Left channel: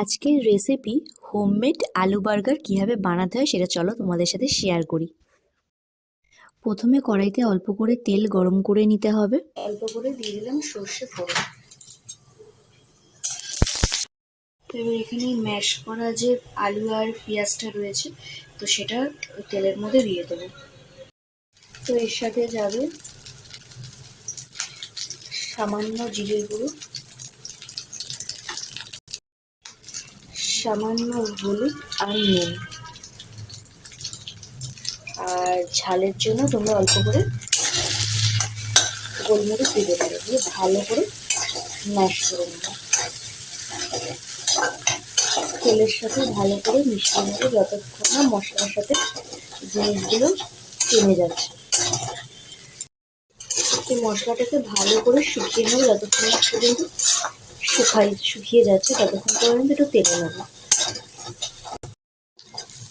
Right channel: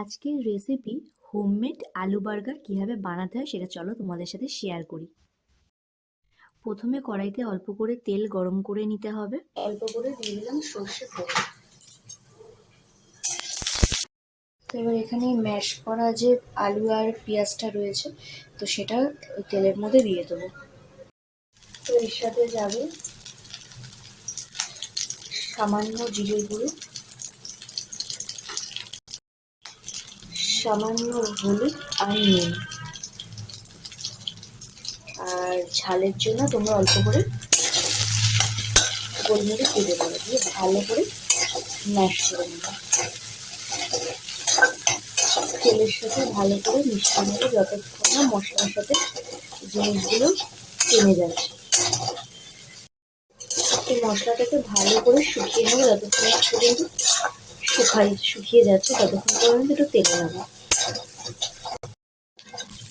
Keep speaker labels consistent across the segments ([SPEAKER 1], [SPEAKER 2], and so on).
[SPEAKER 1] আজকের recipe homemade আলু burger কীভাবে বানাতে হয় সেটা চলো তোমাদের সাথে শেয়ার করি। প্রথমে কড়াইতে অল্প করে তেল গরম করে নিতে হবে। অল্প করে দিয়ে দিলাম সর্ষে ফোড়ন তো এবার এখানে ম্যাশ করা যে আলু আর পেঁয়াজটা রয়েছে, তো সেটা ওই তেলের মধ্যে দিয়ে দেবো। তো এর সাথে যাবে সামান্য জিরের গুঁড়ো। সামান্য হলুদ আর নুন। আর ঝালের জন্য তোমরা অল্প করে গোলমরিচ দিতে পারো ভালো করে ম্যাশ করে নেবে। তেলের সাথে ভালো করে মিশিয়ে যতক্ষণ না মশলার সাথে জিনিসগুলো টেনে যাচ্ছে। মশলাটাকে ভালো করে শুকিয়ে নেবে যতক্ষণ পর্যন্ত শুকাই শুকিয়ে যাচ্ছে, ততক্ষণ পর্যন্ত একটু তেলে নেব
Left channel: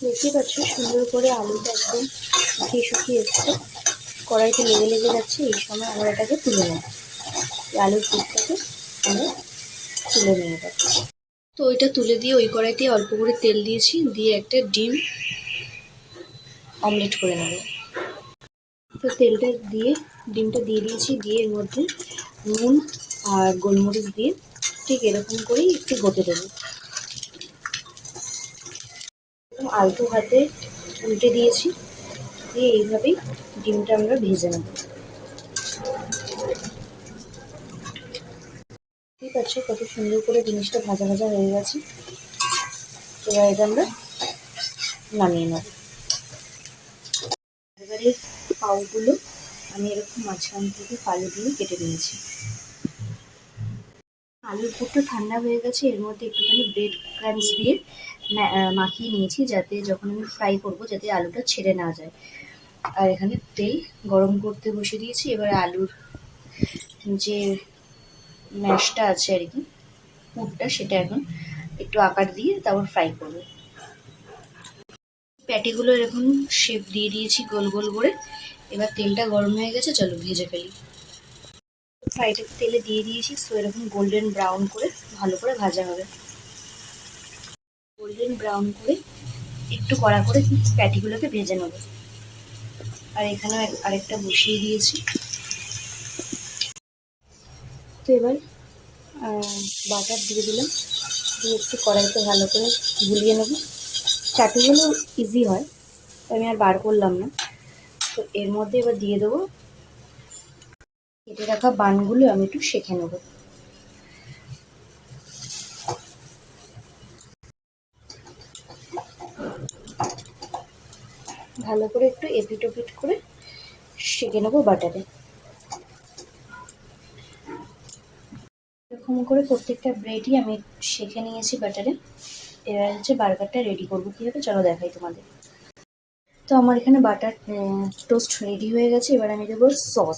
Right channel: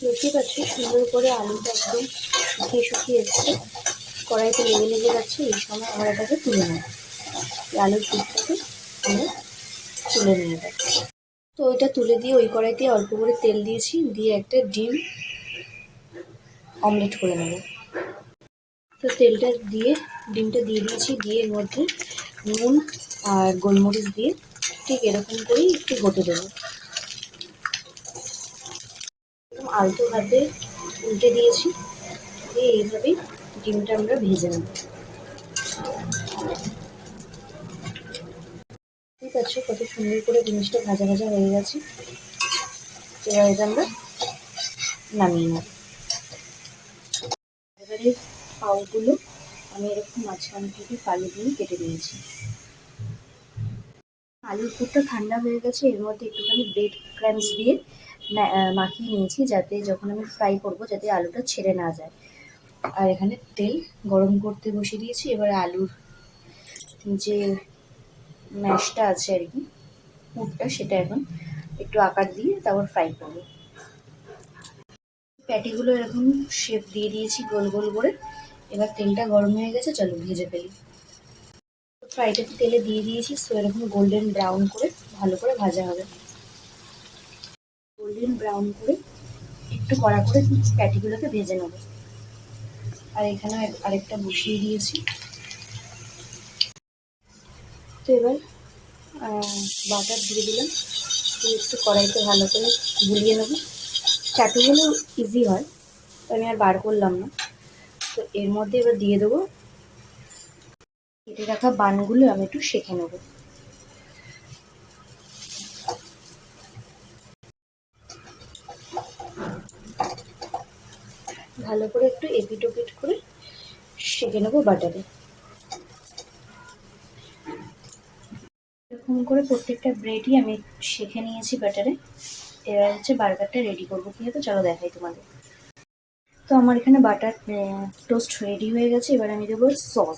[SPEAKER 1] দেখতে পাচ্ছ, সুন্দর করে আলুটা একদম শুকিয়ে শুকিয়ে এসছে। কড়াইতে লেগে লেগে যাচ্ছে, এই সময় আমরা এটাকে তুলে নেব। আলুর পুরটাকে আমরা তুলে নিয়ে যাব তো ওইটা তুলে দিয়ে ওই কড়াইতে অল্প করে তেল দিয়েছি, দিয়ে একটা ডিম অমলেট করে নেব। তো তেলটা দিয়ে, ডিমটা দিয়ে দিয়েছি, দিয়ে এর মধ্যে নুন আর গোলমরিচ দিয়ে ঠিক এরকম করেই একটু ঘটে দেবো আলতো হাতে উল্টে দিয়েছি, দিয়ে এইভাবেই ডিমটা আমরা ভেজে নেব। ঠিক আছে, কত সুন্দর করে জিনিসটা ভাজা ভাজা হয়ে গেছে। এবার এটা আমরা নামিয়ে নেব। এবারে পাউগুলো আমি এরকম মাঝখান থেকে ফালি দিয়ে কেটে দিয়েছি আলুর পুরটা ঠান্ডা হয়ে গেছে, এর মধ্যে একটুখানি ব্রেড ক্রাঞ্চ দিয়ে মাখিয়ে নিয়েছি যাতে যখন আমি ফ্রাই করব যাতে আলুটা ছেড়ে না যায়। আর এখানে তেল গরম করতে বসে দিয়েছি, এবার আলুর যে ম্যাশটা আছে আর কি, পুরটা সেটা এখন একটু আকার দিয়ে তারপর ফ্রাই করব। প্যাটিগুলো এরকম শেপ দিয়ে দিয়েছি গোল গোল করে, এবার তেলটা গরম হয়ে গেছে, চলো ভেজে ফেলি। ফ্রাইটাকে তেলে দিয়ে দিয়েছি তো এরকম গোল্ডেন ব্রাউন করে, ভালো করে ভাজা হবে। গোল্ডেন ব্রাউন করে একটু কড়া করে প্যাটিগুলোকে ভেজে নেব। আর এখানে আরেকটা বসিয়ে দিয়েছি। তো এবার বাটার দিয়ে দিলাম। একটু কড়াইতে ভালো করে গুলিয়ে নেব। চাটুগুলো ইজি হয়, আমি আর বার করলাম না। তো এর মধ্যে এবার দিয়ে দেবো কেটে রাখা বানগুলো আমি একটু শেখে নেব। ভালো করে একটু এপিট ওপিট করে সেঁকে নেব বাটারে এরকম করে প্রত্যেকটা ব্রেডই আমি শেখে নিয়েছি বাটারে এবার হচ্ছে বার্গারটা রেডি করব। কীভাবে চলো দেখাই তোমাদের। তো আমার এখানে বাটার টোস্ট রেডি হয়ে গেছে। এবার আমি দেবো সস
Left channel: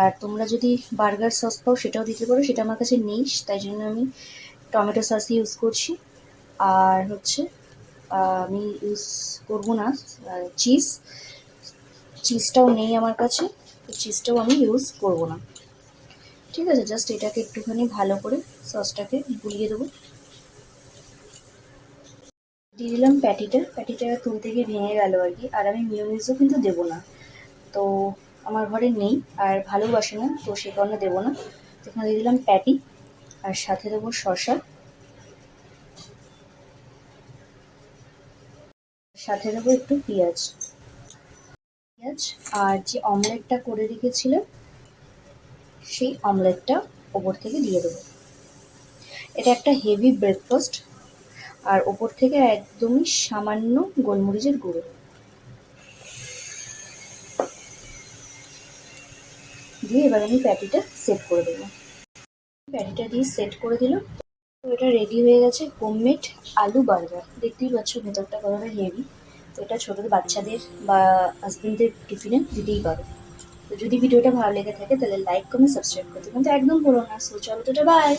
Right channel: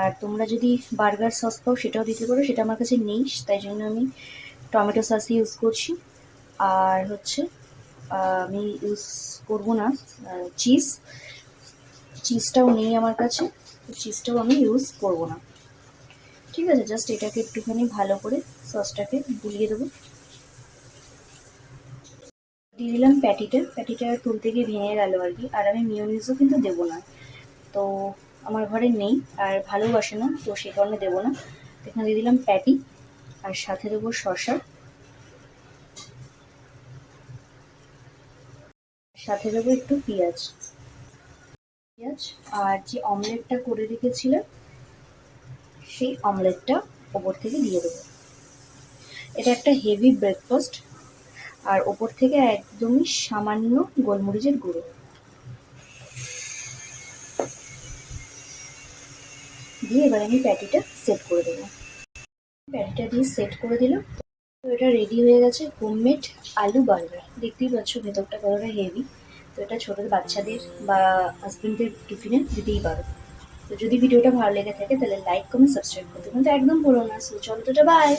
[SPEAKER 1] আর তোমরা যদি বার্গার সস পাও, সেটাও দিতে পারো। সেটা আমার কাছে নেই, তাই জন্য আমি টমেটো সস ইউজ করছি। আর হচ্ছে আমি ইউজ করব না চিজ চিজটাও নেই আমার কাছে, তো চিজটাও আমি ইউজ করব না। ঠিক আছে জাস্ট এটাকে একটুখানি ভালো করে সসটাকে গুলিয়ে দেবো। দিয়ে দিলাম প্যাটিটা। প্যাটিটা তুলতে গিয়ে ভেঙে গেল আর কি। আর আমি মিউনিসও কিন্তু দেবো না। তো আমার ঘরে নেই আর ভালোবাসে না, তো সে কারণে দেবো না। এখানে দিয়ে দিলাম প্যাটি আর সাথে দেবো শশা সাথে দেবো একটু পেঁয়াজ। পেঁয়াজ আর যে অমলেটটা করে রেখেছিল, সেই অমলেটটা ওপর থেকে দিয়ে দেবো। এটা একটা হেভি ব্রেকফাস্ট আর ওপর থেকে একদমই সামান্য গোলমরিচের গুঁড়ো। দিয়ে এবার আমি প্যাটিটা সেট করে দেবো। প্যাটিটা দিয়ে সেট করে দিল তো এটা রেডি হয়ে গেছে হোমমেড আলু বার্গার। দেখতেই পাচ্ছ ভেতরটা কতটা হেভি তো এটা ছোটো বাচ্চাদের বা হাজবেন্ডদের টিফিনে দিতেই পারো। তো যদি ভিডিওটা ভালো লেগে থাকে তাহলে লাইক কমেন্ট সাবস্ক্রাইব করতে কিন্তু একদম ভুলো না। সো চলো তো বাই